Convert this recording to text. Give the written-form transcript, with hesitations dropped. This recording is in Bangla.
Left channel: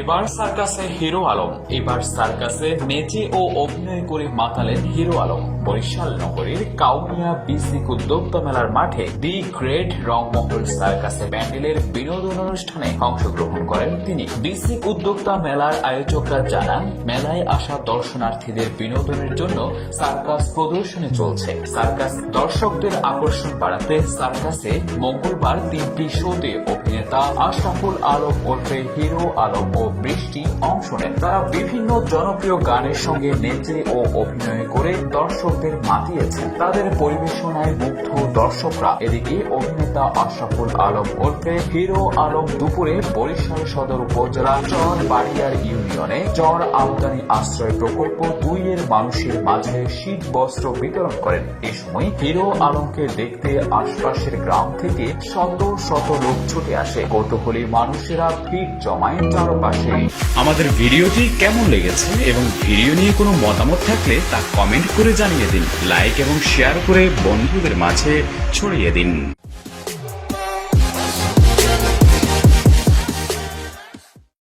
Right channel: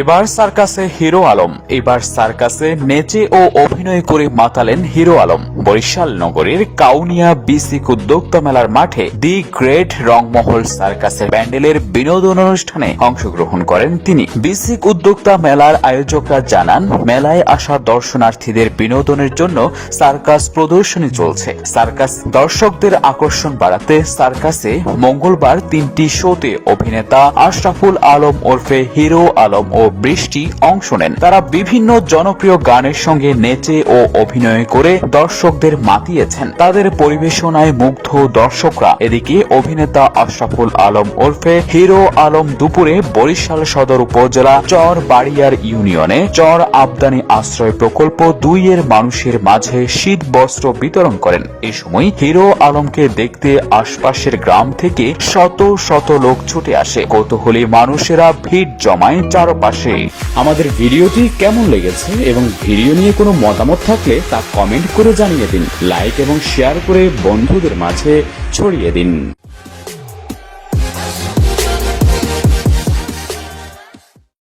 এবার সার্কাসে হিরো আলম। এবার সার্কাসে নেচে ও অভিনয় করে মাতালেন হিরো আলম। বরিশাল নগরীর কাউনিয়া বিসিক উদ্যোক্তা মেলার মাঠে দি গ্রেট রংমহল সার্কাসের প্যান্ডেলের বিনোদন অনুষ্ঠানে অংশগ্রহণ করেন তিনি। বিসিক উদ্যোক্তা মেলার আয়োজকরা জানান, মেলায় আসা দর্শনার্থীদের বিনোদনের জন্য সার্কাস প্রদর্শনী চলছে। সার্কাস দর্শকদের আকর্ষণ বাড়াতে সার্কাসে মঙ্গলবার 3টি শোতে অভিনেতা আশরাফুল আলম ওরফে হিরো আলম ও বৃষ্টি অংশ নেন। তারা বিভিন্ন জনপ্রিয় গানের সঙ্গে নেচে ও অভিনয় করে দর্শকদের মাতিয়েছেন। তাদের পরিবেশনায় মুগ্ধ দর্শকরা। এদিকে অভিনেতা আশরাফুল আলম ওরফে হিরো আলম দুপুরে বরিশাল সদর উপজেলা চর বাড়িয়ার ইউনিয়নে চর আবদানি আশ্রয় প্রকল্প 2 এর মানুষের মাঝে শীত বস্ত্র বিতরণ করেন। এ সময় হিরো আলমকে দেখতে আশপাশের গ্রাম থেকে শত শত লোক ছুটে আসে। কৌতূহলী মানুষেরা ভিড় জমায় চারপাশে। আমাদের ভিডিওটি কেমন লেগেছে এবং ভিডিও নিয়ে কোনো মতামত থাকলে তা কমেন্ট করে জানিয়ে দিন। লাইক এবং শেয়ার করে বন্ধুদের মাঝে ছড়িয়ে দিন।